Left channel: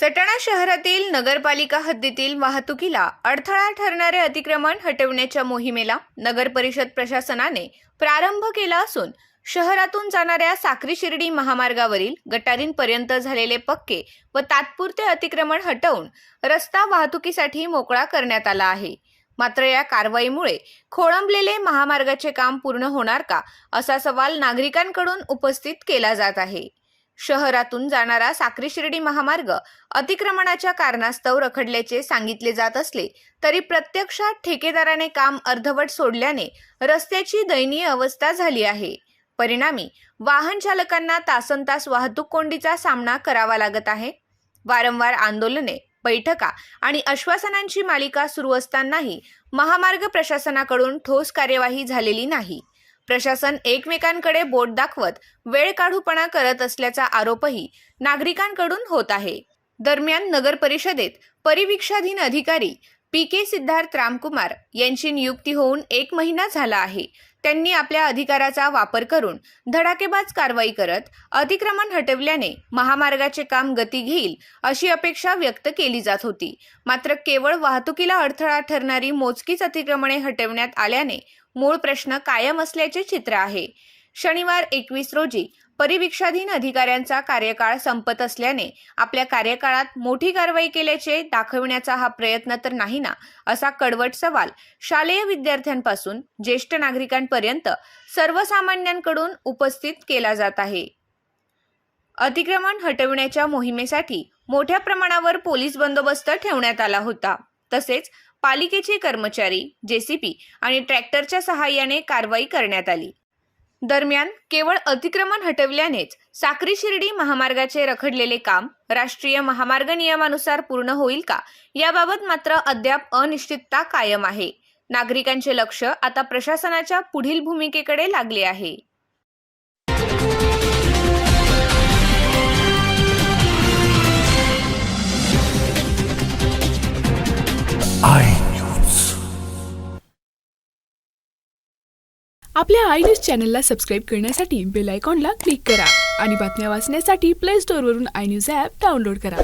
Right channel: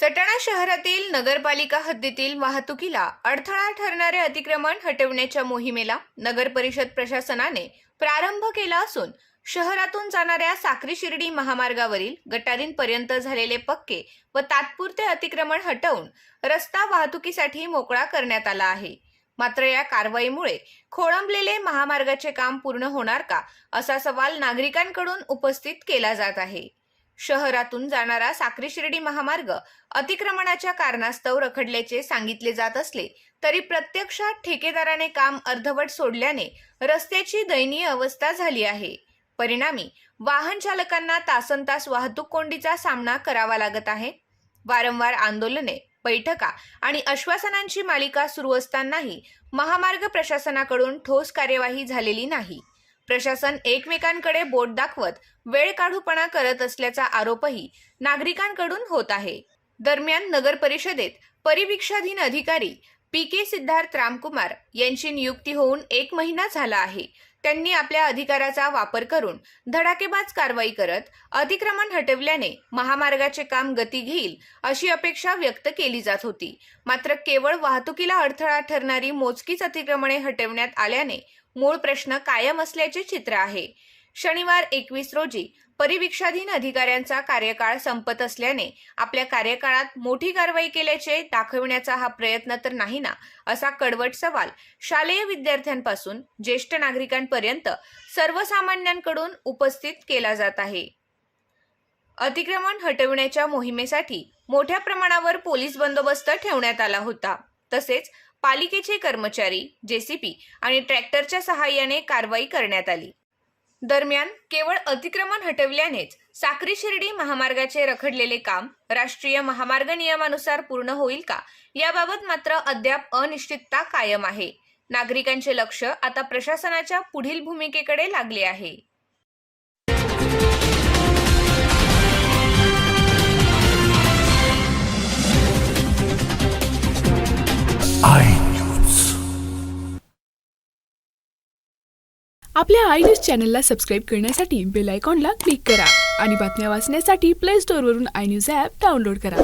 सटाणा शहरातील नगरपालिका हद्दीतील वाहतुकीला अडथळा ठरणारे अतिक्रमण हटवण्याच्या मोहिमेला नगर परिषद प्रशासनाने प्रारंभ केला असून शहरातून जाणाऱ्या साक्री शिर्डी महामार्गावरील गटारींपर्यंत झालेले पक्के व तात्पुरते अतिक्रमण हटवून रस्ता वाहतुकीसाठी मोकळा करण्यात आला आहे। मात्र या कारवाईमुळे खोळंबलेले महामार्गाचे काम पूर्ण होणार का असा सवाल नागरिकांकडून उपस्थित केला जात आहे। शहरातून जाणारा साक्री शिर्डी महामार्ग अतिक्रमणाच्या कारणास्तव रखडल्याचे सांगितले जात असले तरी प्रत्यक्षात ठेकेदाराने काम अर्धवट सोडल्याने रस्त्याची दयनीय अवस्था झाली आहे। परिणामी वाहन चालकांना तासनतास वाहतूक कोंडीचा सामना करावा लागत आहे। वारंवार आंदोलने, बैठका आणि आश्वासनांची मालिका सुरू असतानाही महामार्ग प्रशासनाकडून ठोस कार्यवाही झालेली नाही। प्रशासन एकमेकांकडे बोट दाखवत वेळ काढूपणा करत असल्याचा आरोपही नागरिकांकडून होत आहे। दरम्यान नगर परिषदेत परिवीक्षाधीन अधिकारी पी.के. सिद्धार्थ रामकुमार यांची नियुक्ती होऊन 1 महिना झाला आहे। त्यांनी आपल्या अधिकाराचा वापर करून धडाकेबाज कारवाई करत अतिक्रमण हटवल्याने महामार्गाचे काम गती घेईल अशी अपेक्षा व्यक्त केली जात होती। मात्र केवळ वाहतुकीला अडथळा ठरणारी मोजकीच अतिक्रमणे हटवण्यात आल्याने मूळ प्रश्न कायम असल्याचे चित्र आहे। शनिवार 21 रोजी परिवीक्षाधीन अधिकाऱ्यांचा कार्यकाळ संपत असल्याने आपल्या कार्यकाळात मोठी कारवाई केल्याचे दाखवण्याचा हा प्रयत्न तर नाही ना, असा कडवट सवाल शालेय विद्यार्थ्यांपासून ज्येष्ठ नागरिकांपर्यंत सर्वसामान्यांकडून उपस्थित केला जात आहे। अतिक्रमण हटवण्याच्या मोहिमेसाठी मोठ्या प्रमाणावर पोलीस बंदोबस्त ठेवण्यात आला होता। तसेच पालिकेचे कर्मचारी, जेसीबी आणि ट्रॅक्टरच्या सहाय्याने कारवाई करण्यात आली। दरम्यान केवळ अतिक्रमण हटवल्यानेच साक्री शिर्डी महामार्गाचे रखडलेले काम राष्ट्रीय महामार्ग नियमानुसार पूर्ण होईल का याबाबत मात्र अद्याप अनिश्चितता कायम आहे। नागरिकांचे लक्ष आता प्रशासनाच्या पुढील भूमिकेकडे लागले आहे। आपल्या आय न्यूज चॅनलला सबस्क्राईब करण्यासाठी बेल आयकॉनला क्लिक करा आणि बातम्या वाचण्यासाठी प्ले स्टोअरवरून आय न्यूज ॲप डाउनलोड करा।